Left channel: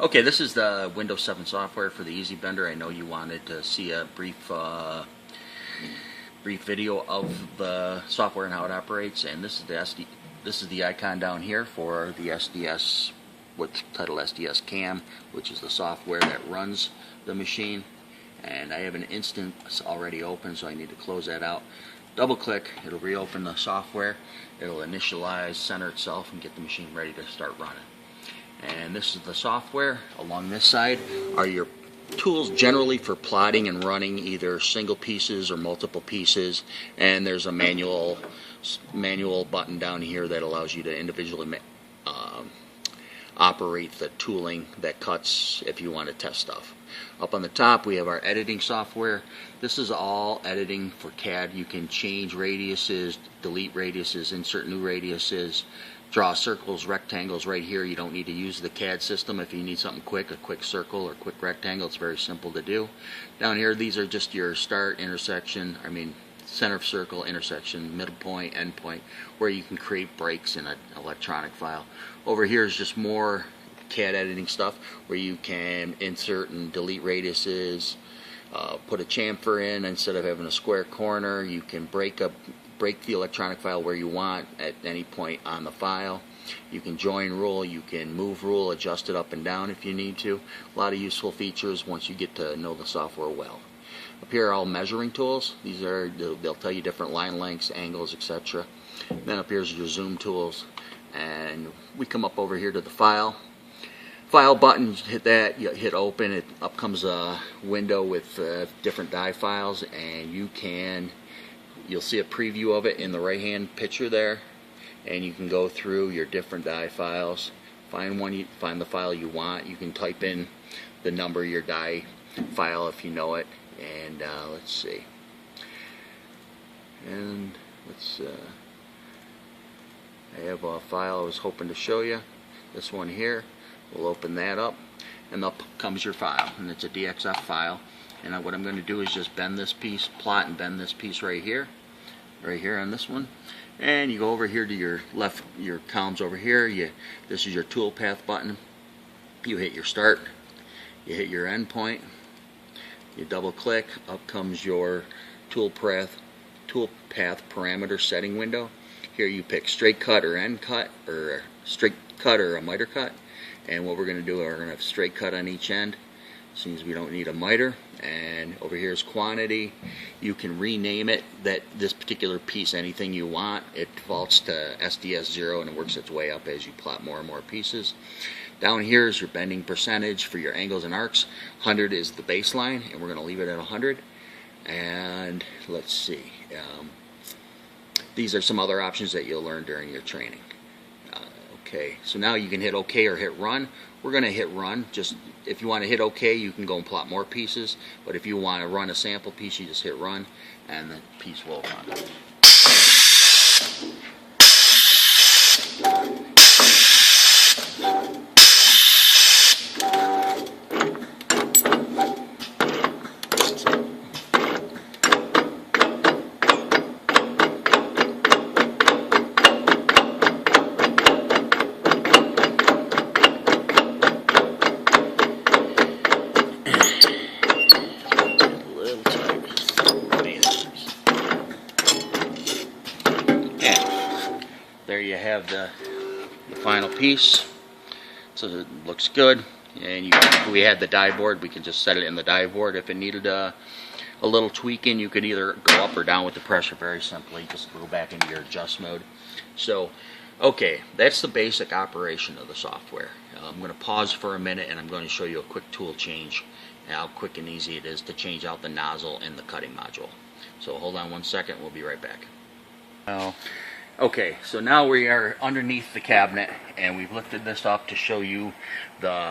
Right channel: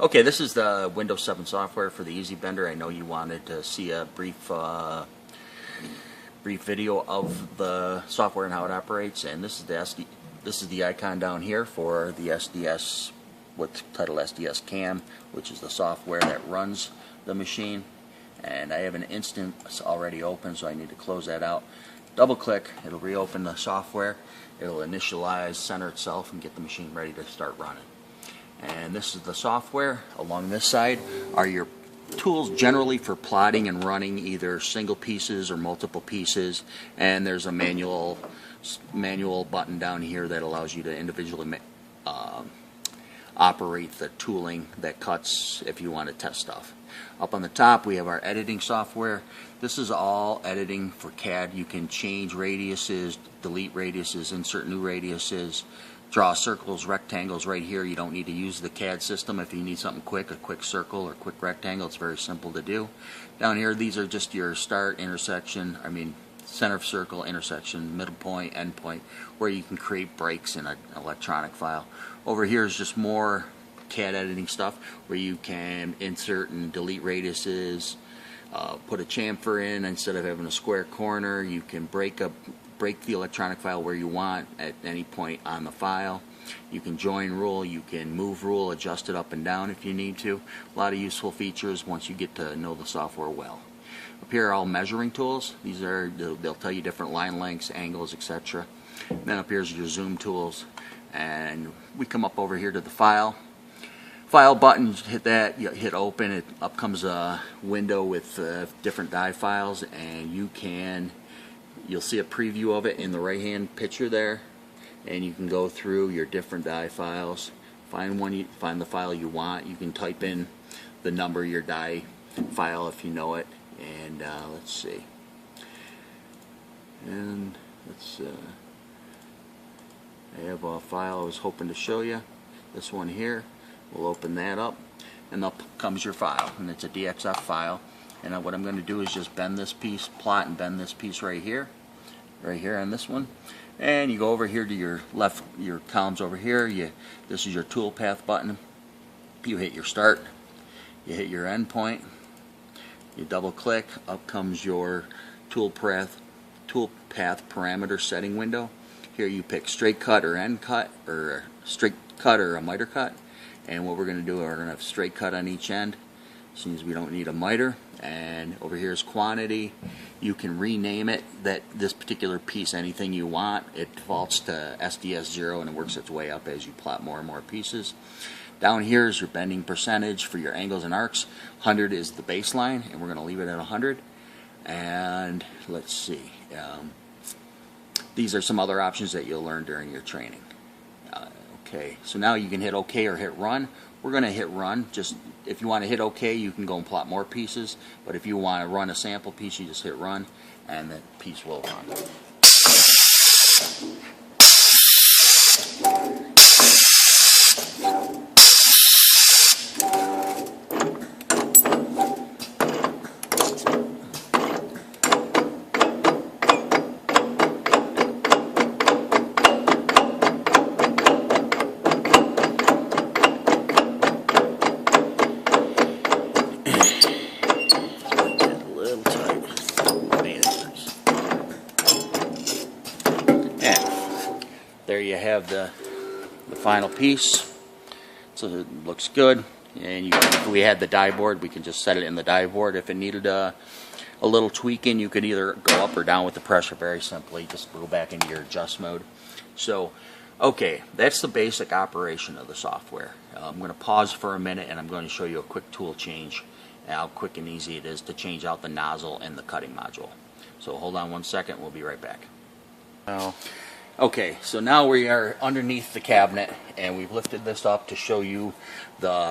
Okay, this is the Windows 7 software for the EasyBender. I know you wanted to see a brief video of the software and how it operates, and this is the icon down here for the SDS, what's titled SDS Cam, which is the software that runs the machine. And I have an instance already open, so I need to close that out. Double click, it'll reopen the software, it'll initialize, center itself, and get the machine ready to start running. And this is the software. Along this side are your tools generally for plotting and running either single pieces or multiple pieces, and there's a manual button down here that allows you to individually operate the tooling that cuts if you want to test stuff. Up on the top we have our editing software. This is all editing for CAD. You can change radiuses, delete radiuses, insert new radiuses, draw circles, rectangles right here. You don't need to use the CAD system if you need something quick, a quick circle or quick rectangle. It's very simple to do. Down here these are just your start, center of circle, intersection, middle point, end point, where you can create breaks in an electronic file. Over here is just more CAD editing stuff where you can insert and delete radiuses, put a chamfer in instead of having a square corner. You can break the electronic file where you want at any point on the file. You can join rule, you can move rule, adjust it up and down if you need to. A lot of useful features once you get to know the software well. Up here are all measuring tools. They'll tell you different line lengths, angles, etc. Then up here is your zoom tools, and we come up over here to the file button. Hit that, you hit open, up comes a window with different die files, and you'll see a preview of it in the right hand picture there, and you can go through your different die files, find the file you want. You can type in the number of your die file if you know it, and let's see, and I have a file I was hoping to show you, this one here. We'll open that up, and up comes your file, and it's a DXF file. And what I'm going to do is just bend this piece, plot and bend this piece right here on this one. And you go over here to your left, your columns over here. This is your toolpath button. You hit your start, you hit your end point, you double click, up comes your toolpath parameter setting window. Here you pick straight cut or end cut, or straight cut or a miter cut. And what we're going to do, we're going to have straight cut on each end, since we don't need a miter. And over here is quantity. You can rename it, this particular piece, anything you want. It defaults to SDS 0, and it works its way up as you plot more and more pieces. Down here is your bending percentage for your angles and arcs. 100 is the baseline, and we're going to leave it at 100. And let's see, these are some other options that you'll learn during your training. Okay, so now you can hit OK or hit run. We're going to hit run. Just if you want to hit OK, you can go and plot more pieces, but if you want to run a sample piece, you just hit run and the piece will run. There you have the final piece. So it looks good. And if we had the die board, we can just set it in the die board. If it needed a little tweaking, you could either go up or down with the pressure very simply. Just go back into your adjust mode. So, okay, that's the basic operation of the software. I'm going to pause for a minute, and I'm going to show you a quick tool change, and how quick and easy it is to change out the nozzle and the cutting module. So hold on one second, we'll be right back. Okay, so now we are underneath the cabinet, and we've lifted this up to show you the